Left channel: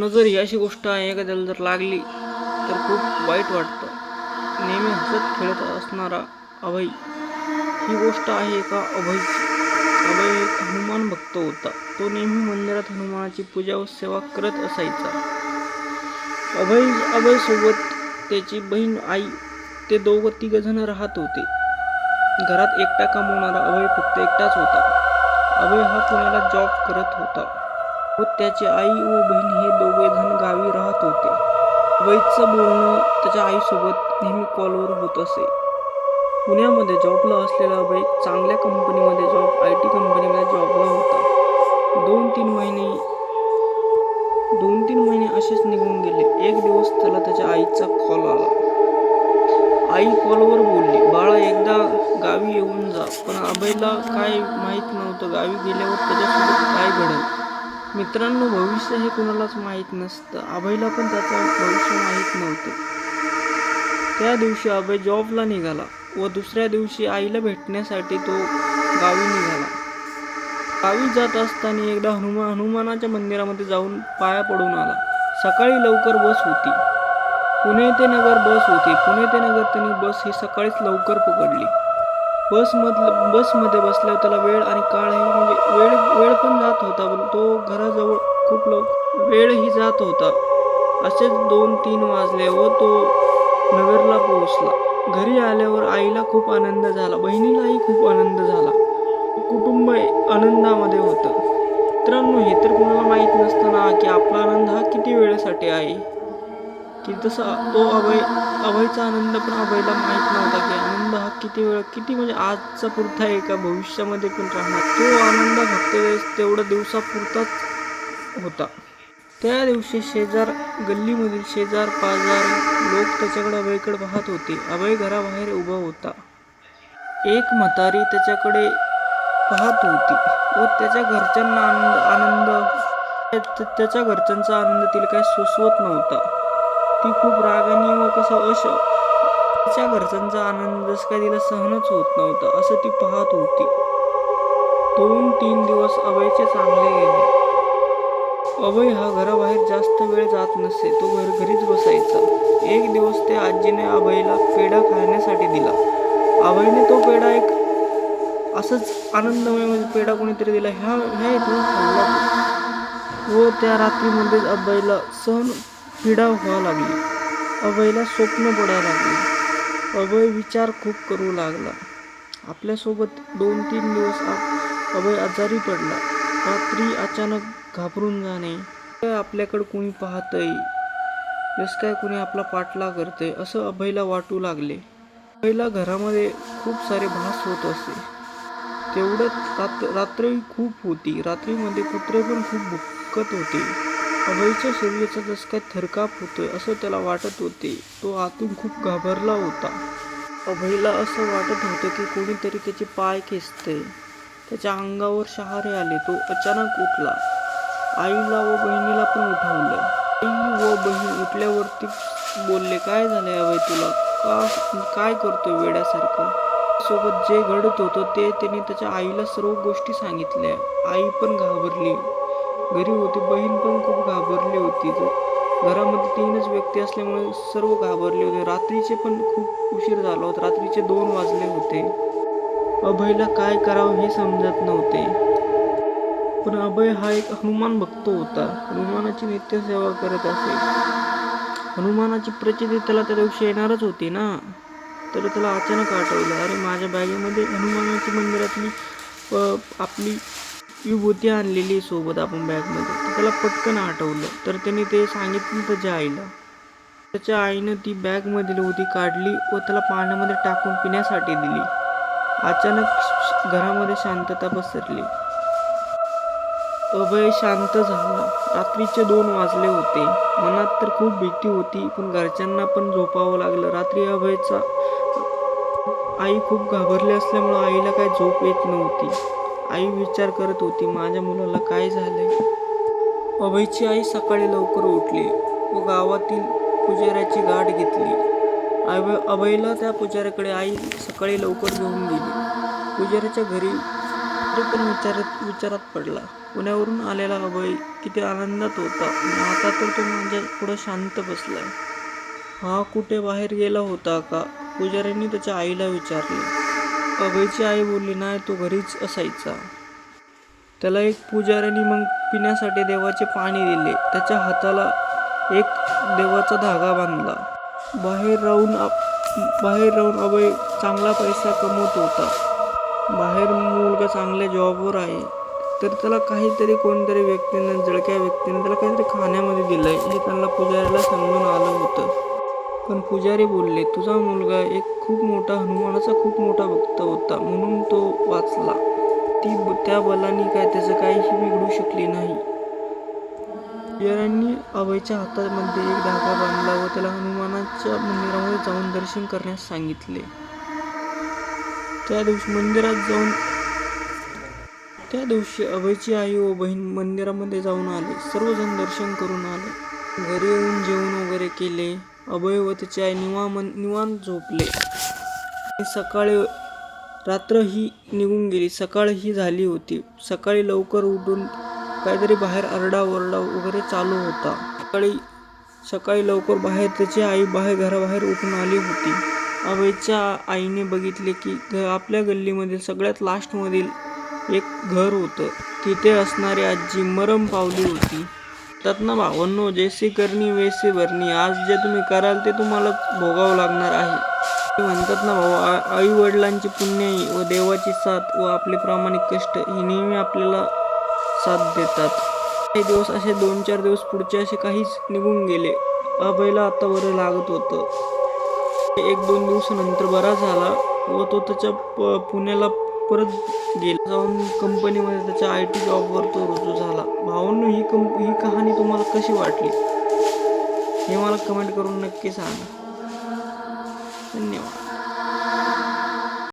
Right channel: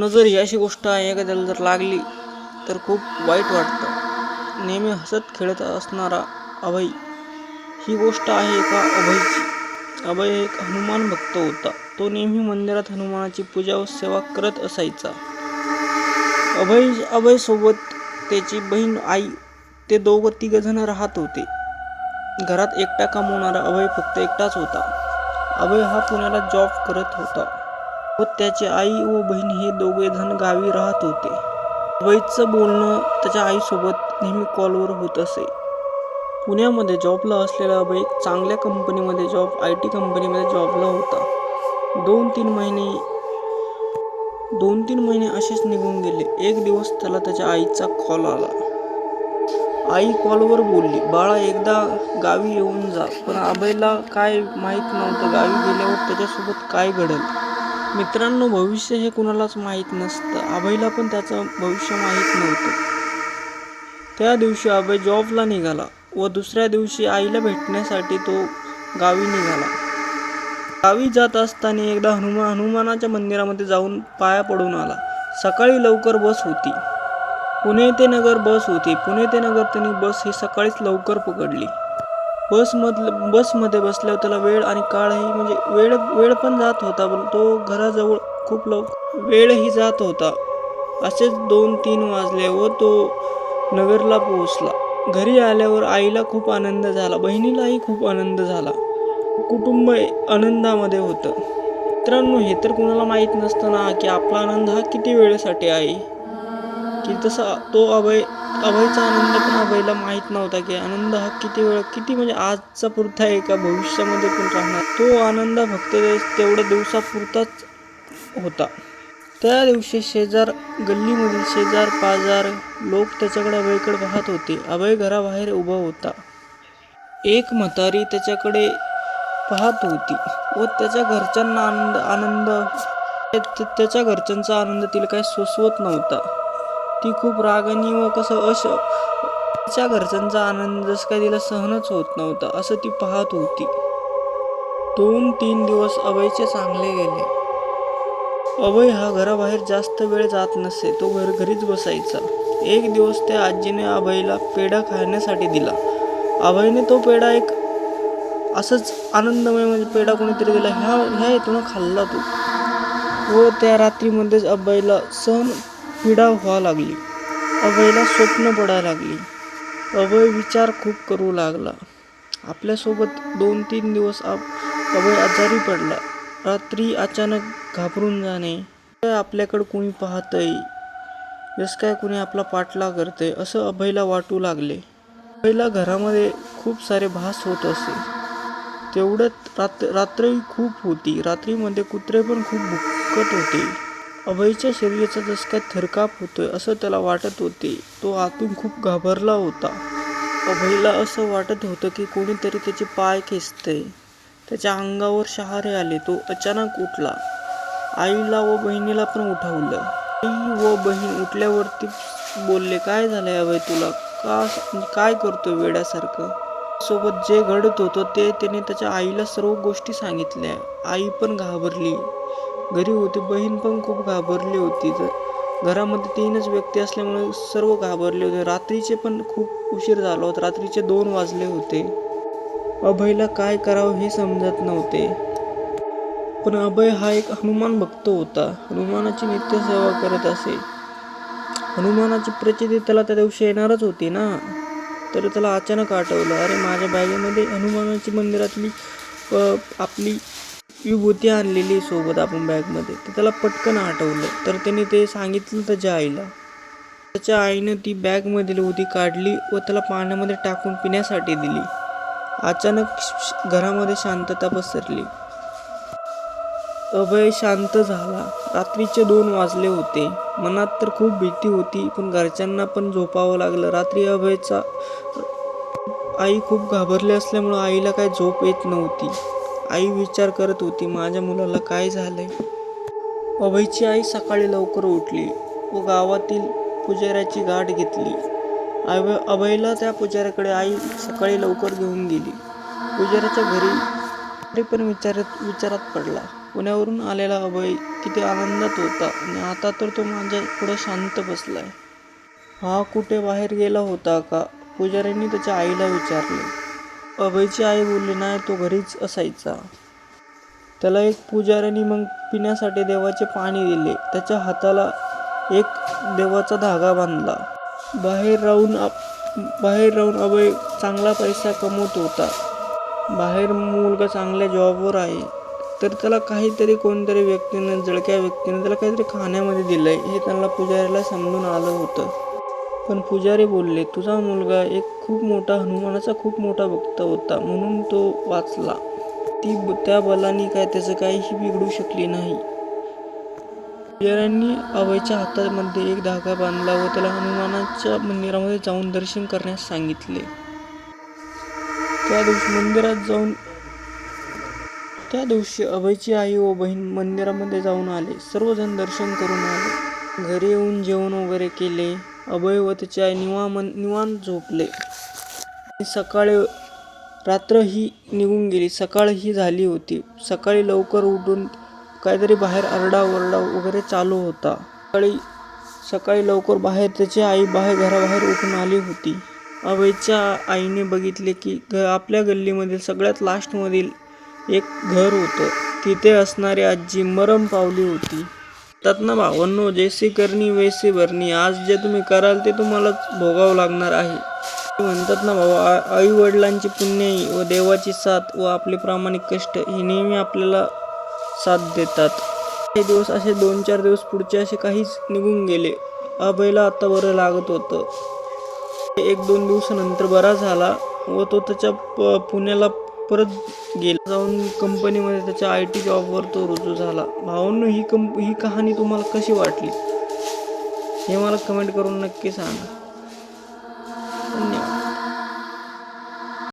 नजर जर ही अशी गोष्ट आहे एखाद्याला जर लागली तर खूप वाईट वाटतं. नेहमी हसत खेळत असणारा अभय ही गोष्ट आहे एका अभयची? अभय एक हनुमान भक्त होता. तो नेहमी मंदिरात हनुमानाची पूजा व सेवा करत असायचा. अभय अभयसोबत त्याची बहीण आई ते दोघं तिघजण राहत होते. घरात एकटा कमवणारा अभय फक्त एकटाच होता. अभय हा पुण्याला जॉब करत होता. व त्याची आई व बहीण हे दोघेजण गावी राहत होते. वैदचं बोलणं त्याच्या आईसोबत नेहमी कॉलवर होत असे. पुण्यामध्ये जॉबला असलेला अभय चांगल्या कंपनीमध्ये जॉब आय टी कंपनीमध्ये जॉबला होता. दोन तीन महिने दोन तीन महिने असेच निघून गेले. एक दिवस त्याला त्याच्या आईचा कॉल आला. आई कॉलवर बोलली बाळा एकदा गावी येऊन जा पण अभयला काय माहीत नव्हतं गावी गेल्यावर त्याच्यासोबत काय घडेल? मित्रांनो भविष्य हे कुणालाच माहीत नसतं. अभयला पण त्याचं भविष्य माहीत नव्हतं. त्या दिवशी अभय जॉबला निघाला व दुसऱ्या दिवशी आईला भेटण्यासाठी तो गावी निघाला. गावी जात असताना एकदा हनुमा हनुमानाच्या मंदिरामध्ये जाऊन पाया पडून आला. सकाळी लवकर बस होती. पुणे ते नगर बस होती. पुणे ते नगर त्यांनी बस ही सकाळीच लवकर पकडली. बसमधलं बसमध्ये बसल्यावर त्याला वेळ आणि काळही म्हणजे वेळ वेळ पण जात होता पण तो घराजवळ खूप लव वेळही जात होता. असेच दोन तीन वाजले व तो नगरला पोहोचला. घरी आल्यावर आईला खूप आनंद झाला बहिणीलाही खूप आनंद झाला. कुटुंब आनंदामध्ये होतं. मित्रांनो हे तर कुणाला माहीत नसतं ना की आपला आनंद हा किती वेळेसाठी आहे? की तसा तो अभय अभयचा आनंद पण अभयला माहीत नव्हता की आनंद हा किती वेळ किती म्हणजे आजचा पुरता आहे का भविष्यामध्ये पण राहणार. तो आनंद फक्त तेवढ्या दिवसापुरताच होता. त्या दिवशी शेजार गल्लीमधील शेजार पाजार लोक त्याच्याकडे अभयकडे पाहत होते. अभय घराबाहेर उभा होता. एक म्हातारी त्याच्याकडे पाहत होती व त्याच्या घरच्यांना आनंद आनंद त्याच्या घरच्यांचा आनंद तिला काही सोसवत नव्हता. ती खूप रागानी व कसं अश तिच्या घरच्यांचा आनंद जसं काय तिला सहनच होत नव्हता असं ती पाहत होती. दोन तीन दिवस अभयचे चांगले गेले. अभय हा घराबाहेर जास्त वेळ जात नसे तो घर घरीच बसायचा. एक दिवस त्या आजीने अभयला पेढा खाण्यासाठी दिला. अभयने तो पेढा एक असंच आनंदमय म्हणजे पेढा कोणीतरी दिला ह्या ह्या इथून खाल्ला तो. व त्या रात्रीमध्येच अभयला सहन पीडा व्हावा लागली. अभयला स्वप्न पडायला लागली. अभय विचार खूप करू लागला. आपल्यासोबत दोन तीन दिवस आप अभय आजारी पडला. रात्री अचानक घाबरून जाणे काय आपल्याकडं कोणी पाहतंय? जसं काय कोणी आपला पाठला करतंय? असं अभयला वाटू लागले. अभयला घरामध्ये खूप सारे भास होत असे. तेवढ्यात रात्र रात्रही खूप होती. रात्रीमध्ये कुत्रे पण खूप भुकत होते. अभयच्या शरीराचा जसं काय थरकाप होतोय असं त्याला वाटत होते. तो आतून खूप घाबरला होता. अभयला असं वाटत होतं की कोणीतरी त्याचे पाय खेचतंय. त्याच्या अंगावर शहारे आले तो अचानक उठला. आईला व बहिणीला पण उठवलं. आई व बहीण उठल्यावरती बोलले काय झालंय अभय तुला? का काय करतोय वेड्यासारखं? सोबत जे घडत होतं ते त्याने त्याच्या आईला सर्व गोष्टी सांगितल्या. आई पण घाबरली. घरी होती बहीण पण खूप घाबरली होती. तर घरामध्ये तीनच व्यक्ती असल्यामुळे सर्व घाबरले होते. रात्रीचे पण खूप उशीर झाला होता. रात्रीचे दोन वाजले होते. अभयला काय करावं हे समजत नव्हते. पण अभय हा एक हनुमान भक्त होता. हनुमानाची नित्यसेवा करत असे. हनुमानाची प्रचिती त्याला त्या दिवशी येणारच होती ना. तर त्याला अचानक आठवलं अरे माझ्या बॅगेमध्ये हनुमानाची मंदिरातली आपली विभूती आणलेली सोबत आपण बॅगमध्ये तर त्याला पटकन आठवलं. तर त्याने ते सांगितलं त्याच्या आईला. त्याच्या आईनं ती बॅगमधील होती काढली व त्याला पाण्यामध्ये टाकून पिण्यासाठी दिली. अचानक घरामध्ये शांतता पसरली. अभय शांत झाला. रात्रीचे दोन वाजले होते. मनात तर खूप भीती होती पण घरच्यांना पण झोपावं लागलं. रात्री अभयचा आई खूप घाबरली असल्यामुळं आईला काय झोप येत नव्हती. आई विचार करत होती माझ्या मुलाला काय झालंय? अभयची आई सकाळी लवकर उठली व गावातील पुजाऱ्याची गाठ घेतली. अभय अभयला त्या पुजाऱ्याकडे आई सकाळी लवकर घेऊन गेली. पुजाऱ्याच्या घरी तरी पण विचारत विचारात पडला. पुण्यावरून आलेला अभय किती आनंदात होता आणि आता तर तो माझ्या पुढं शांत बसला हा कुठे बाहेर गेला होता का? पुजाऱ्यांनी त्याच्या आईला विचारले. अभयची आई बोलली नाही तो घरीच असायचा. त्याला एक पुजाऱ्याने मग पिण्यासाठी देवाचे पाणी दिले. त्याच्या हाताला एक देवाचा धागा बांधला. बाहेर राहून आप बाहेर राहून अभय चांगला पैसा कमवत होता. बाहेर मुलगा चांगल्या जॉबवर आहे. तर त्याला काहीतरी कोणतरी व्यक्तीनं जळक्या व्यक्तीनं त्याला काहीतरी खाण्यामध्ये दिलं आहे हे त्यांना पुजाऱ्याला समजून आलं होतं. पण पुजारी बोलले तुझा मुलगा एक खूप मोठा हनुमानाचा खूप मोठा भक्त होता म्हणून तो वाचला. ती त्या बलानी काय त्याचं काहीही बिघडू शकली नाही. पुजाऱ्यांनी अभयच्या हातामध्ये एक धागा बांधला व त्याला हनुमानाच्या मंदिरामध्ये जाऊन दर्शन करण्यास सांगितले. त्या दिवशी मंदिरात जाऊन त्या दिवशी अभयची आई व बहीण मंदिरामध्ये जाऊन आले. सर्वजण दर्शन करून आले. घरी येऊन जेवण वगैरे केले. अभय व त्याची आई निवामन निवांत झोपले. आणि सकाळी रात्र ही निघून गेली. सकाळ ही झाली होती. सकाळी लवकर उठून काहीतरी बाहेर आरडाओरडा वगैरे चालू होता. सकाळी सकाळी लवकर बाहेर त्याची आई बाहेर घराबाहेर उठून आली होती. अभयच्या आईने बघितले की घ आपल्या गल्लीमधील सगळ्यात लास्टमधील एक घर होतं. तिथे असणारी आजी मरम पावली होती. ना भावांनो? जैसी करणी वैसी भरणी. आज जे तुम्ही कराल ते तुम्हालाच भोगावं लागणार आहे. म्हणतात ना भाऊ आई वडिलांची पुण्याई व देवाची साथ व आपले प्रामाणिक कष्ट ही नेहमी आपल्याला साथ देतात. काही दिवस असे दोन चार दिवस पुढचे असे काहीच निघून गेले. अभयला आता बरं लागत होतं. एक दोन दिवसानंतर बरा झाला व तो त्याच्या प पुण्याला परत गेला जाऊन कंपनीमध्ये त्याच्या आय टी जॉबवर तो रुजू झाला. भावांनो ही कंप ही कहाणी तुम्हाला कशी वाटली? हे मला कमेंट करून नक्की सांगा. धन्यवाद.